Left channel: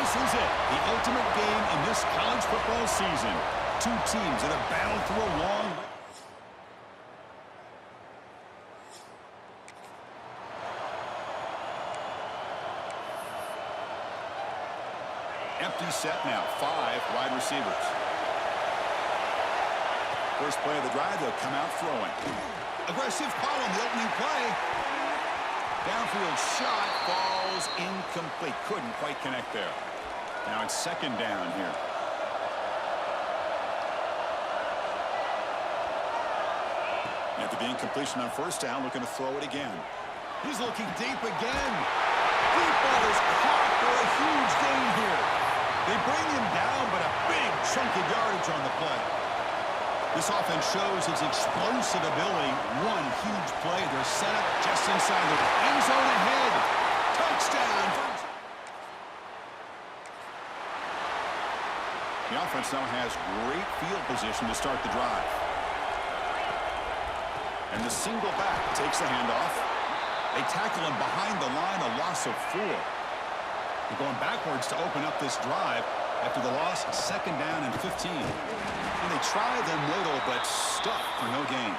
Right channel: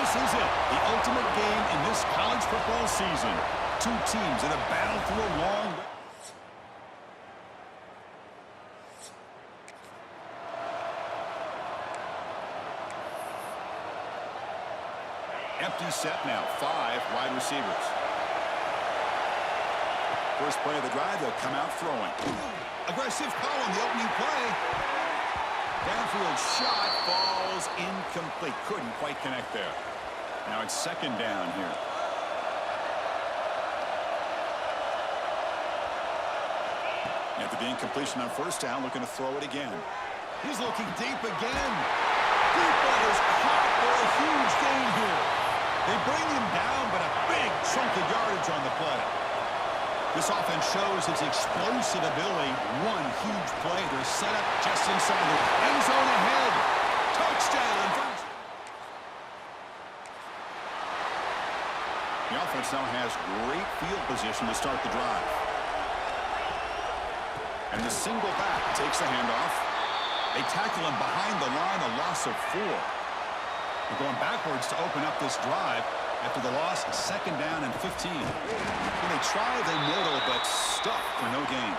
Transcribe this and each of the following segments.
This is it, the ultimate game in this college football season. Two teams that have battled through a long way. Empty set now, 5 wide receivers. First play of the drive, they'll come out throwing. Aggressive call on the opening play. Downfield shot falls incomplete. Couldn't quite connect there. Now it's second down here. After the incompletion on first down, looking to throw it again. He's looking deep again. Deep ball is caught for a huge gain here. They bring him down, but a big chunk of yardage on the play. This offense shows its explosive ability. One huge play. They're set up just inside the end zone ahead. Touchdown. The offense now has great field position to start the drive. And the single back takes the handoff. They tackle him behind the line, a loss of 4. They're going backwards to open up this drive after the loss, second down and 15. And they try the middle, but stuck for no gain.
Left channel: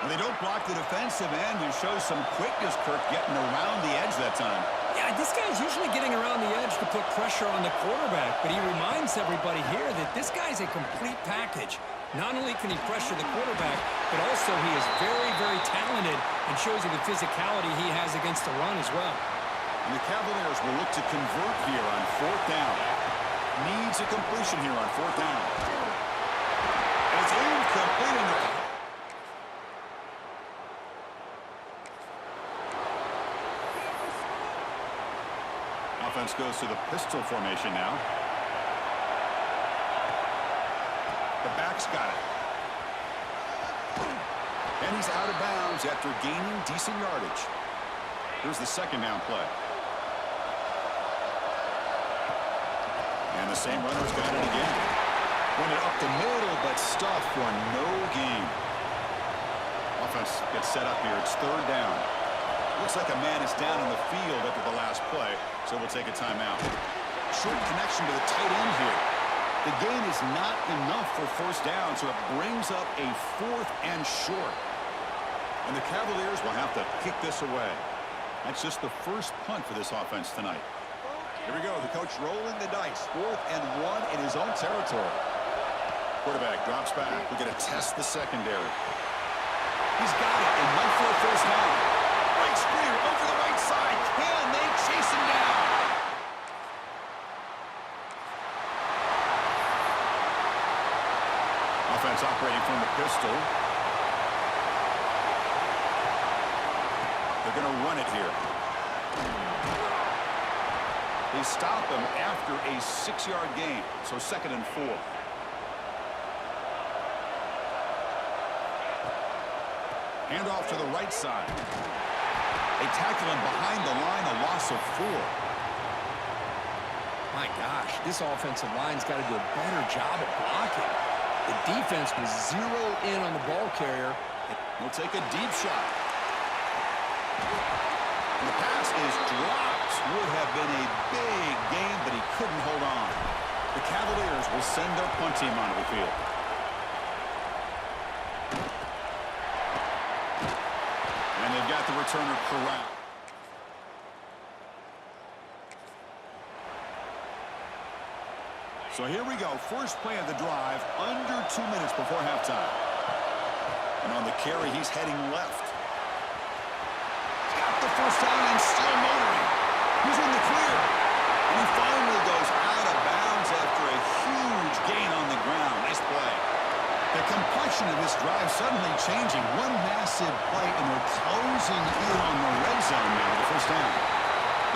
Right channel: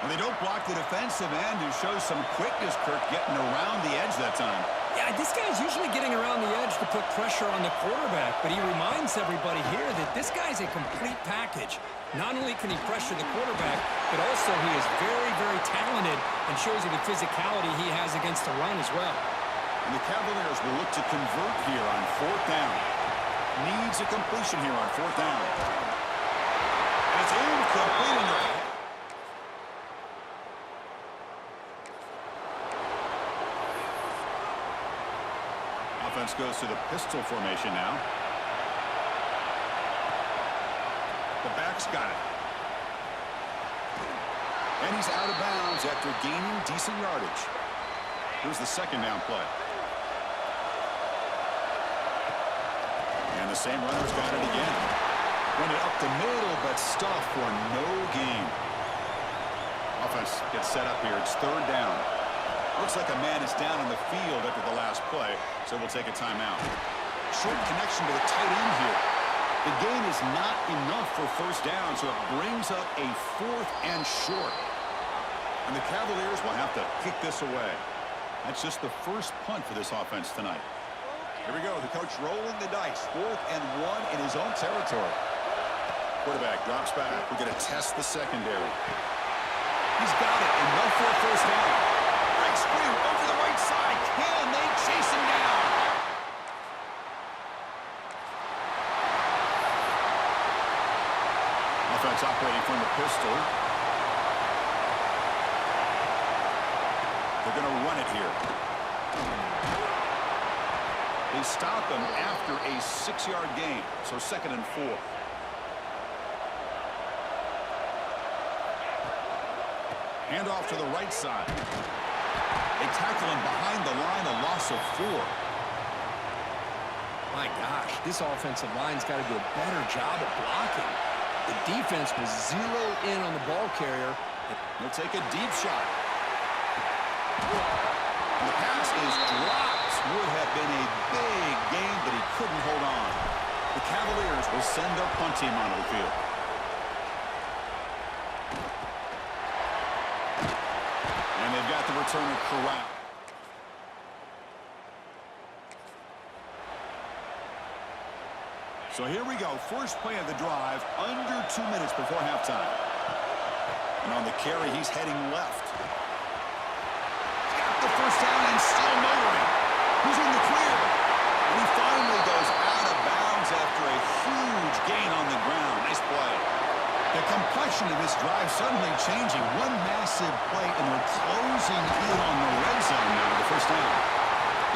And they don't block the defensive end, who shows some quickness, Kirk, getting around the edge that time. Yeah, this guy's usually getting around the edge to put pressure on the quarterback, but he reminds everybody here that this guy's a complete package. Not only can he pressure the quarterback, but also he is very, very talented and shows you the physicality he has against the run as well. And the Cavaliers will look to convert here on 4th down. Needs a completion here on 4th down. And it's incomplete in the... Offense goes to the pistol formation now. The back's got it. And he's out of bounds after gaining decent yardage. Here's the second down play. And the same runner's got it again. Run it up the middle, but stuffed for no gain. Offense gets set up here. It's 3rd down. Looks like a man is down on the field after the last play, so we'll take a timeout. Short connection to the tight end here. The gain is not enough for 1st down, so it brings up a 4th and short. And the Cavaliers will have to kick this away. That's just the first punt for this offense tonight. Here we go. The coach rolling the dice. 4th and 1 in his own territory. Quarterback drops back. We're going to test the secondary. He's got it. Enough for a 1st down. Breaks free over the right side. Can they chase him down? Offense operating from the pistol. They're going to run it here. They stop him after a 6-yard gain, so 2nd and 4. Handoff to the right side. They tackle him behind the line, a loss of 4. My gosh, this offensive line's got to do a better job at blocking. The defense was zeroed in on the ball carrier. He'll take a deep shot. And the pass is dropped. Would have been a big gain, but he couldn't hold on. The Cavaliers will send their punt team onto the field. And they've got the returner corralled. So here we go. First play of the drive, under 2 minutes before halftime. And on the carry, he's heading left. He's got the 1st down and still motoring. He's in the clear. And he finally goes out of bounds after a huge gain on the ground. Nice play. The complexion of this drive suddenly changing. One massive play, and they're closing in on the red zone now with the 1st down.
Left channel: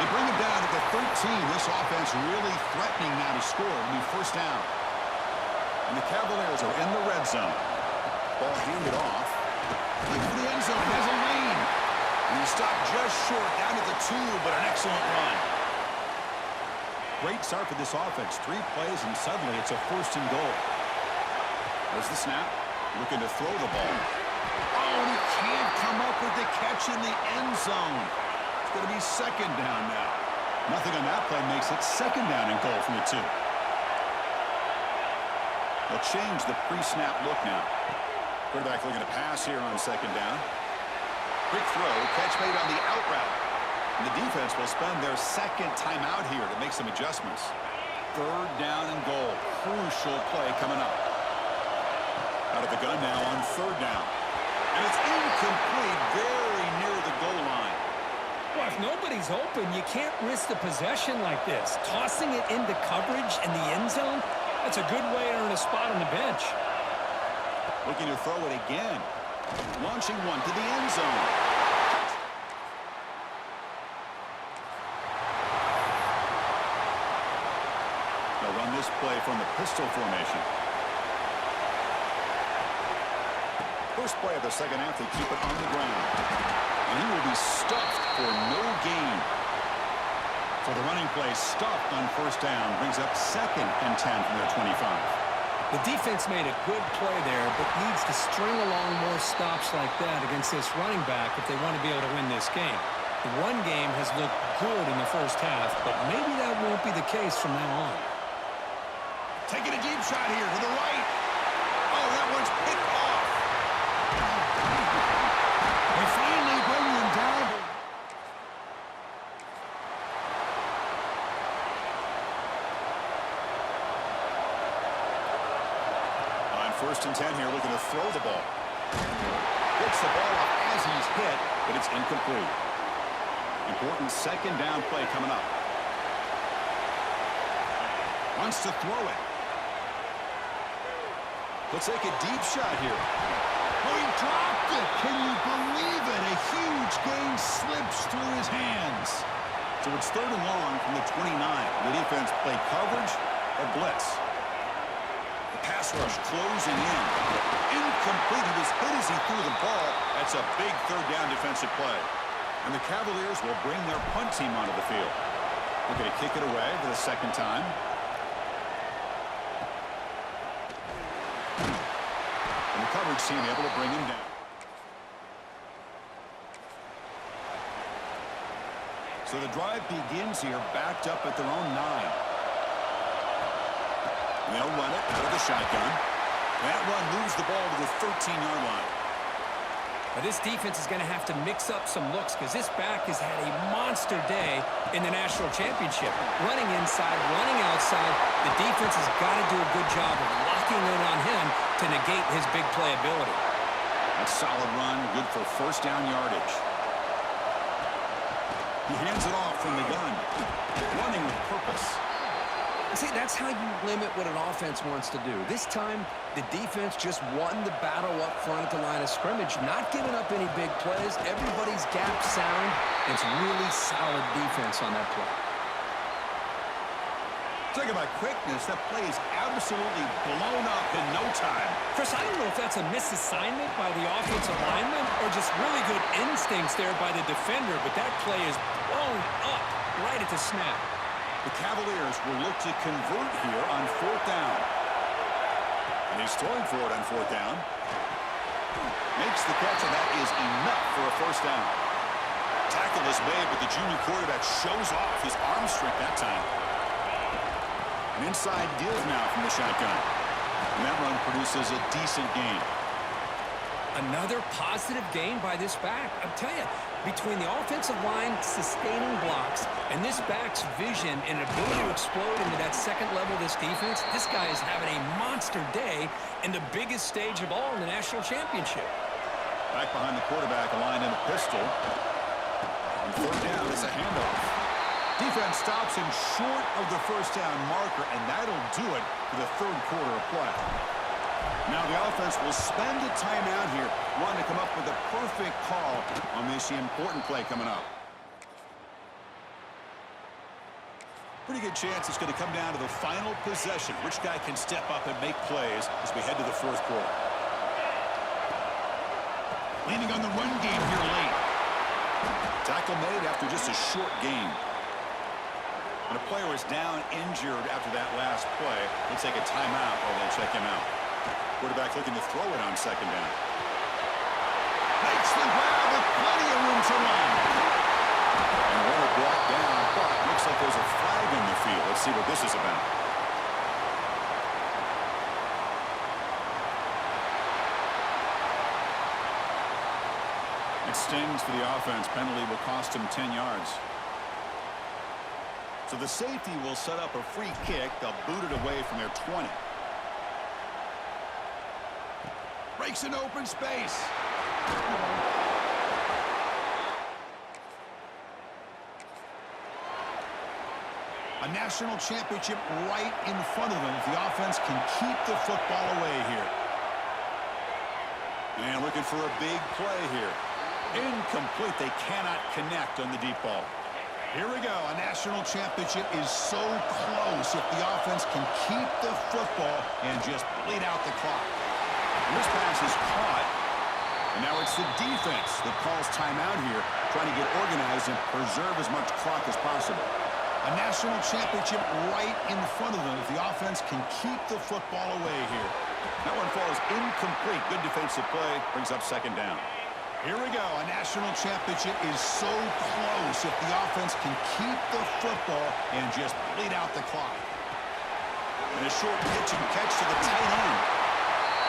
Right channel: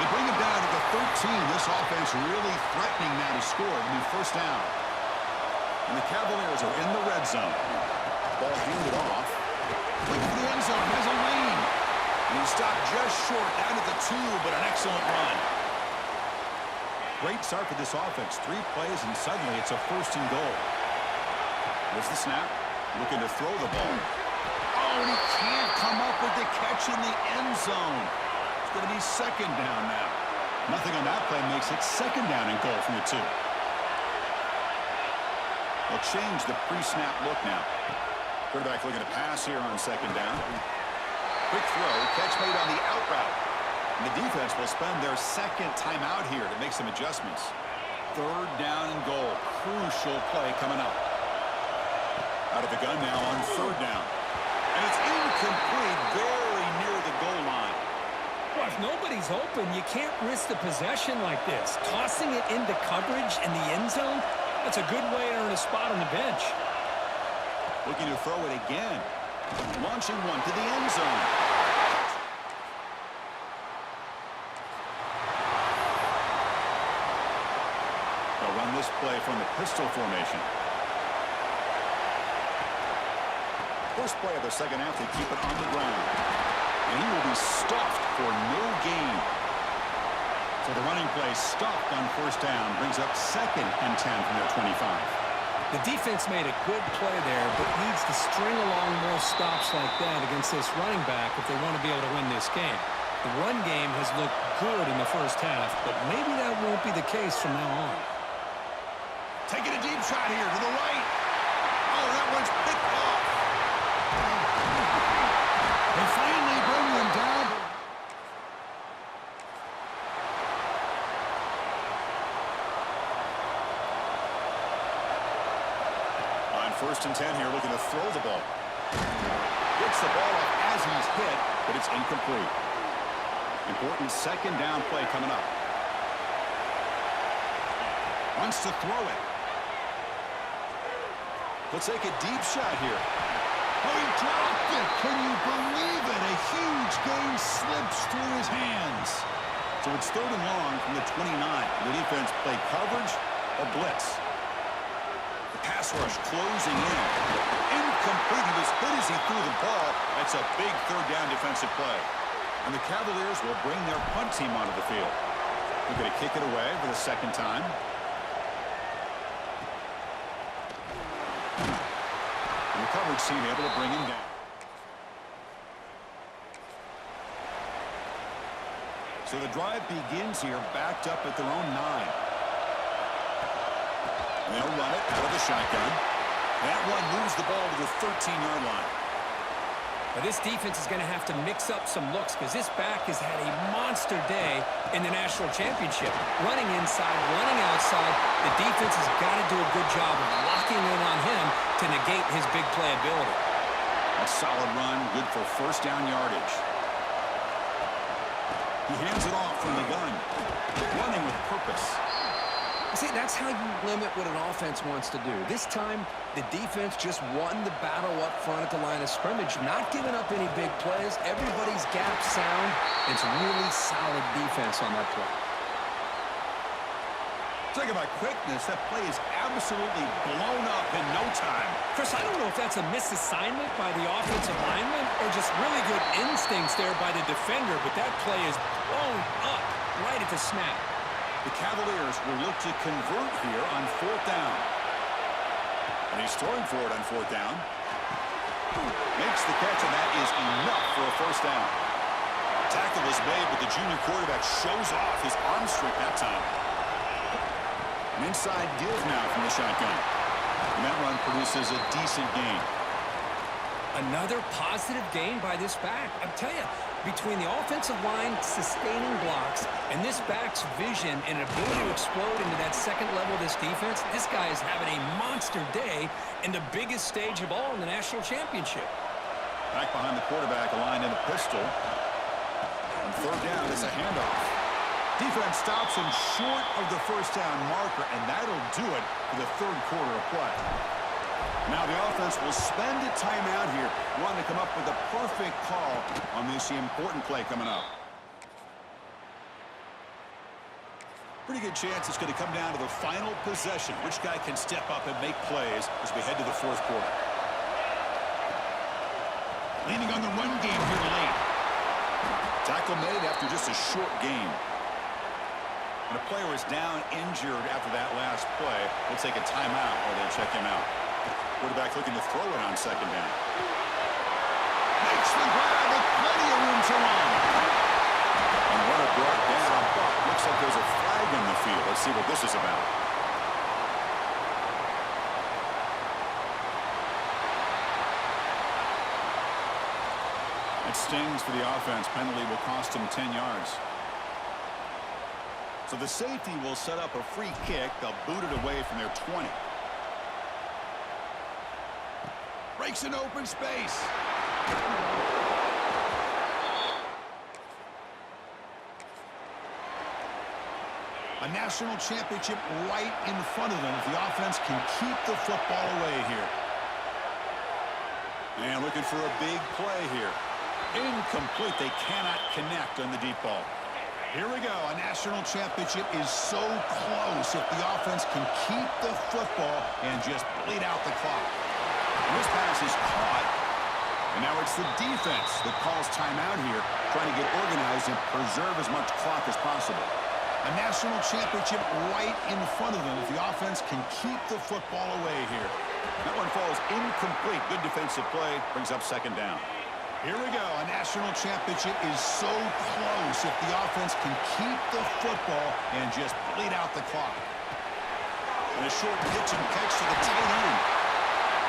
They bring him down at the 13. This offense really threatening now to score. It'll be 1st down. And the Cavaliers are in the red zone. Ball handed off. Looking for the end zone. He has a lane. And he stopped just short down at the 2, but an excellent run. Great start for this offense. 3 plays, and suddenly it's a 1st and goal. There's the snap. Looking to throw the ball. Oh, and he can't come up with the catch in the end zone. It's going to be 2nd down now. Nothing on that play makes it second down and goal from the 2. They'll change the pre-snap look now. Quarterback looking to pass here on second down. Quick throw, catch made on the out route. And the defense will spend their second timeout here to make some adjustments. Third down and goal. Crucial play coming up. Out of the gun now on third down. And it's incomplete, very near the goal line. Well, if nobody's open, you can't risk the possession like this. Tossing it into coverage in the end zone, that's a good way to earn a spot on the bench. Looking to throw it again. Launching one to the end zone. They'll run this play from the pistol formation. First play of the second half, they keep it on the ground. And he will be stuffed for no gain. So the running play stuffed on first down brings up 2nd and 10 from their 25. The defense made a good play there, but needs to string along more stops like that against this running back if they want to be able to win this game. The run game has looked good in the first half, but maybe that won't be the case from now on. Taking a deep shot here to the right. Oh, that one's picked off. They finally bring them down. On 1st and 10 here, looking to throw the ball. Gets the ball up as he's hit, but it's incomplete. Important second down play coming up. Wants to throw it. Looks like a deep shot here. Oh, he dropped it. Can you believe it? A huge gain slips through his hands. So it's 3rd and long from the 29. The defense play coverage or blitz. The pass rush closing in. Incomplete. He was hit as he threw the ball. That's a big 3rd down defensive play. And the Cavaliers will bring their punt team onto the field. They're going to kick it away for the 2nd time. And the coverage team able to bring him down. So the drive begins here, backed up at their own 9. And they'll run it out of the shotgun. That run moves the ball to the 13-yard line. But this defense is going to have to mix up some looks because this back has had a monster day in the national championship. Running inside, running outside. The defense has got to do a good job of locking in on him to negate his big play ability. That's solid run, good for 1st down yardage. He hands it off from the gun. Running with purpose. See, that's how you limit what an offense wants to do. This time, the defense just won the battle up front at the line of scrimmage, not giving up any big plays. Everybody's gap sound. It's really solid defense on that play. Talking about quickness, that play is absolutely blown up in no time. Chris, I don't know if that's a misassignment by the offensive lineman or just really good instincts there by the defender, but that play is blown up right at the snap. The Cavaliers will look to convert here on 4th down. And he's throwing for it on 4th down. Makes the catch, and that is enough for a 1st down. Tackle is made, but the junior quarterback shows off his arm strength that time. An inside give now from the shotgun. And that run produces a decent gain. Another positive gain by this back. I'll tell you, between the offensive line sustaining blocks and this back's vision and ability to explode into that 2nd level of this defense, this guy is having a monster day in the biggest stage of all in the national championship. Back behind the quarterback, aligned in a pistol. On 3rd down, it's a handoff. Defense stops him short of the 1st down marker, and that'll do it for the 3rd quarter of play. Now the offense will spend a timeout here, wanting to come up with a perfect call on this important play coming up. Pretty good chance it's going to come down to the final possession. Which guy can step up and make plays as we head to the 4th quarter. Leaning on the run game here late. Tackle made after just a short game. And a player is down injured after that last play. We'll take a timeout while they check him out. Quarterback looking to throw it on 2nd down. Makes the grab with plenty of room to run. And what a brought down, but looks like there's a flag in the field. Let's see what this is about. It stings for the offense. Penalty will cost him 10 yards. So the safety will set up a free kick. They'll boot it away from their 20. Breaks an open space. A national championship right in front of them if the offense can keep the football away here. And looking for a big play here. Incomplete. They cannot connect on the deep ball. Here we go. A national championship is so close if the offense can keep the football and just bleed out the clock. And this pass is caught. And now it's the defense that calls timeout here, trying to get organized and preserve as much clock as possible. A national championship right in front of them if the offense can keep the football away here. That one falls incomplete. Good defensive play. Brings up second down. Here we go. A national championship is so close if the offense can keep the football and just bleed out the clock. And a short pitch and catch to the tight end.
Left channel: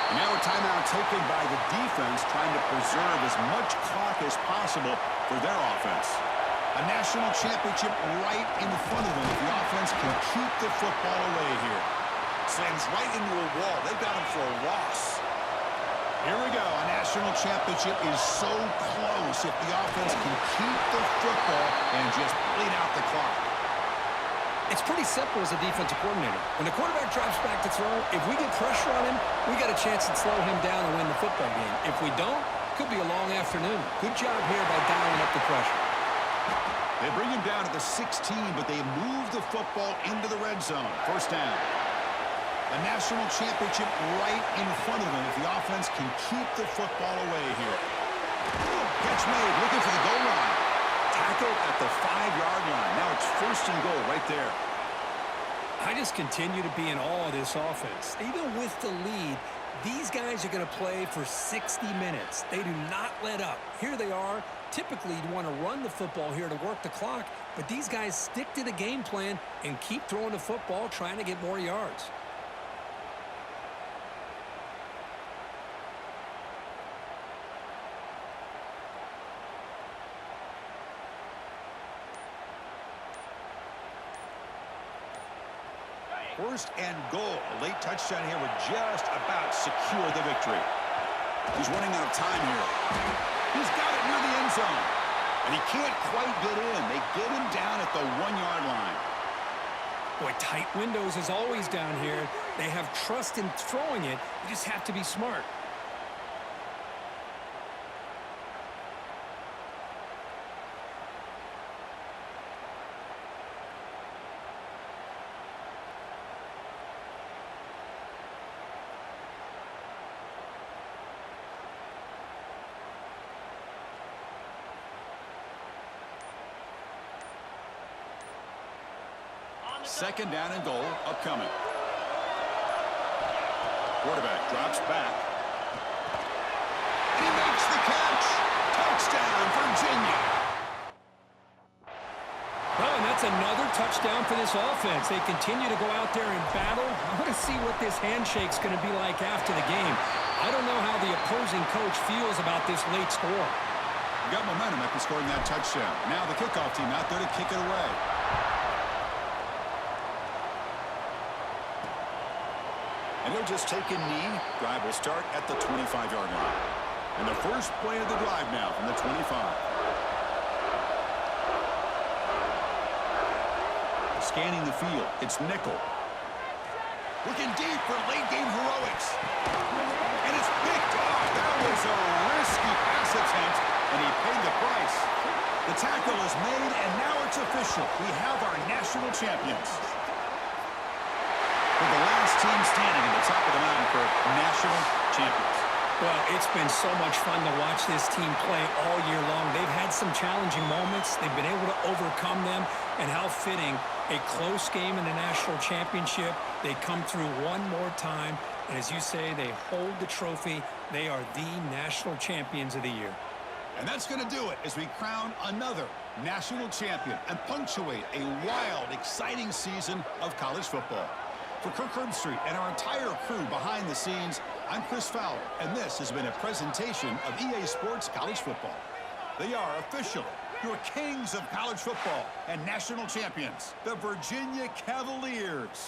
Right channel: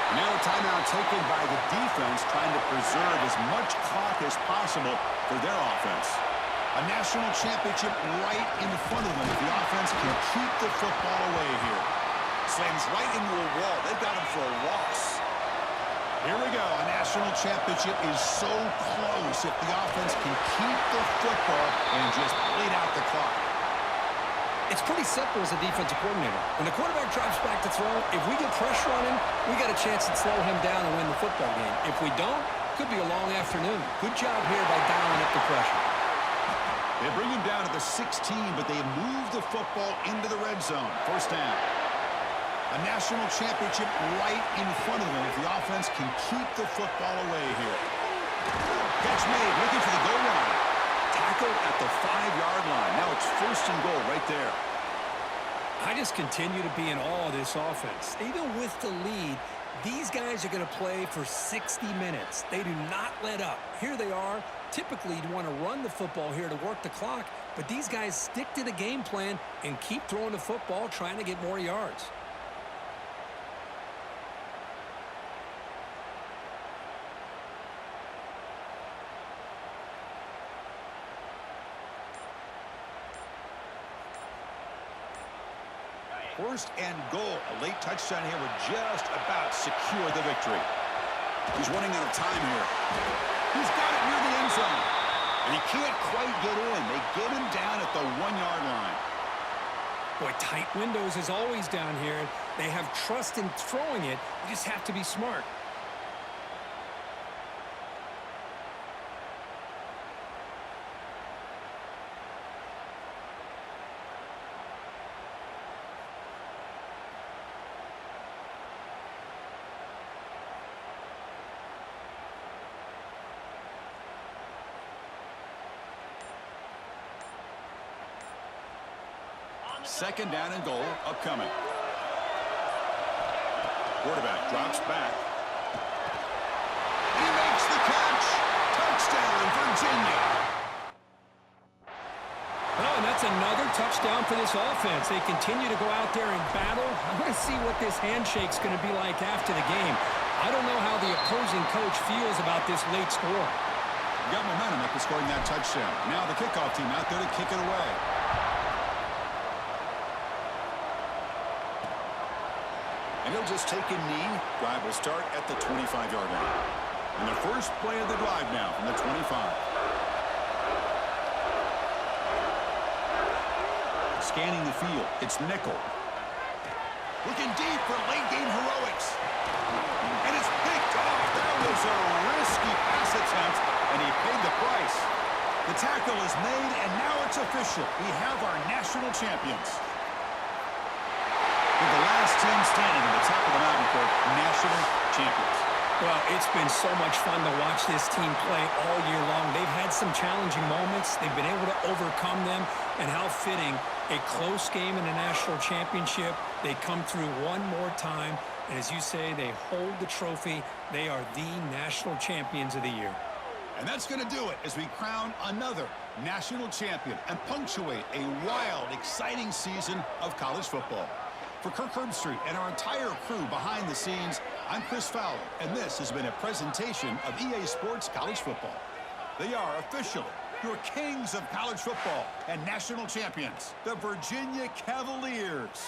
And now a timeout taken by the defense, trying to preserve as much clock as possible for their offense. A national championship right in front of them if the offense can keep the football away here. Slams right into a wall. They've got him for a loss. Here we go. A national championship is so close if the offense can keep the football and just bleed out the clock. It's pretty simple as a defensive coordinator. When the quarterback drops back to throw, if we get pressure on him, we got a chance to slow him down and win the football game. If we don't, could be a long afternoon. Good job here by dialing up the pressure. They bring him down to the 16, but they move the football into the red zone. First down. A national championship right in front of them if the offense can keep the football away here. Catch made, looking for the goal line. Tackled at the 5-yard line. Now it's first and goal right there. I just continue to be in awe of this offense. Even with the lead, these guys are going to play for 60 minutes. They do not let up. Here they are. Typically, you'd want to run the football here to work the clock, but these guys stick to the game plan and keep throwing the football, trying to get more yards. First and goal. A late touchdown here would just about secure the victory. He's running out of time here. He's got it near the end zone. And he can't quite get in. They get him down at the 1-yard line. Boy, tight windows is always down here. They have trust in throwing it. You just have to be smart. Second down and goal upcoming. Quarterback drops back. And he makes the catch. Touchdown, Virginia. Well, and that's another touchdown for this offense. They continue to go out there and battle. I want to see what this handshake's going to be like after the game. I don't know how the opposing coach feels about this late score. Got momentum after scoring that touchdown. Now the kickoff team out there to kick it away. And he'll just take a knee. Drive will start at the 25-yard line. And the first play of the drive now from the 25. Scanning the field. It's nickel. Looking deep for late-game heroics. And it's picked off. That was a risky pass attempt, and he paid the price. The tackle is made, and now it's official. We have our national champions. With the last team standing at the top of the mountain for national champions. Well, it's been so much fun to watch this team play all year long. They've had some challenging moments. They've been able to overcome them. And how fitting, a close game in the national championship. They come through one more time. And as you say, they hold the trophy. They are the national champions of the year. And that's going to do it as we crown another national champion and punctuate a wild, exciting season of college football. For Kirk Herbstreit and our entire crew behind the scenes, I'm Chris Fowler, and this has been a presentation of EA Sports College Football. They are officially your kings of college football and national champions, the Virginia Cavaliers.